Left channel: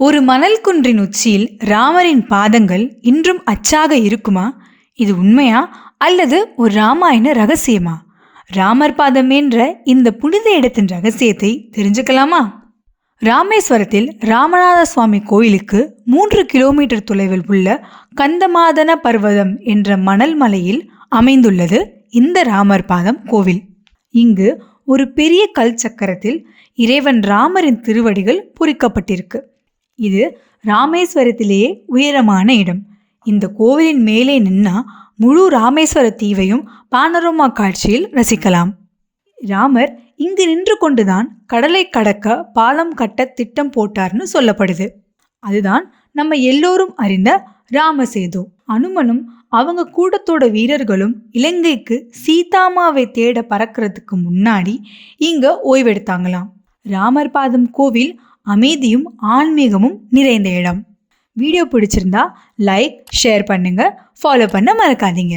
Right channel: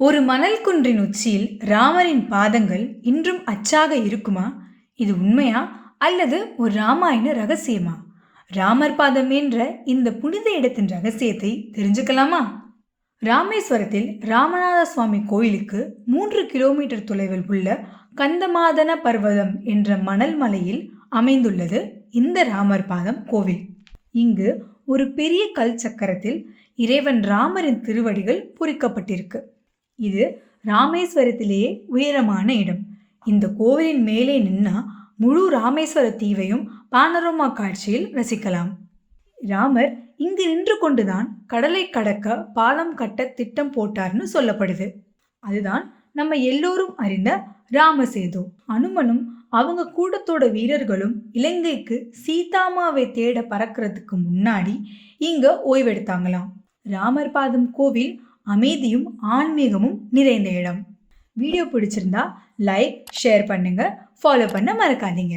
ஒரு மணல் குன்றின் உச்சியில் ராமரின் பாதங்கள் இன்றும் அச்சாக இருக்குமா? இது உண்மையா அல்லது ஒரு ராமாயண ரகசியமா? ராமர் பாதம் என்ற இந்த புனித இடத்தின் ரகசியத்தை தெரிஞ்சுக்கலாமா? ராமேஸ்வரத்தில் ராமநாத சுவாமி கோயிலுக்கு 3 கிலோமீட்டர் தொலைவில் உள்ள கந்தமாதன பர்வதம் என்ற மணல் மலையில் அமைந்துள்ளது இந்த ராமர் பாதம் கோவில். இங்கு ஒரு பெரிய கல் சக்கரத்தில் இறைவன் ராமரின் திருவடிகள் பொறிக்கப்பட்டிருக்கு. இது ராமேஸ்வரத்திலேயே உயரமான இடம். இந்த கோவிலின் மேலே நின்னா முழு ராமேஸ்வர தீவையும் பானரோமா காட்சியில் ரசிக்கலாம். ராமர் இங்கு நின்று கொண்டுதான் கடலை கடக்க பாலம் கட்ட திட்டம் போட்டார்னு சொல்லப்படுது. அதுதான் நம்ம எல்லோரும் அறிந்த ராமசேது. அனுமனும் அவங்க கூட்டத்தோட வீரர்களும் இலங்கைக்கு சீதாமாவை தேட பறக்கிறதுக்கு முன்னாடி இங்க ஓய்வெடுத்தாங்களாம். ராமர் பாதம் கோவில் அமைதியும் ஆன்மீகமும் நிறைந்த இடம். வீடியோ பிடிச்சிருந்தா லைக், ஷேர் பண்ணுங்க, ஃபாலோ பண்ண மறக்காதீங்க.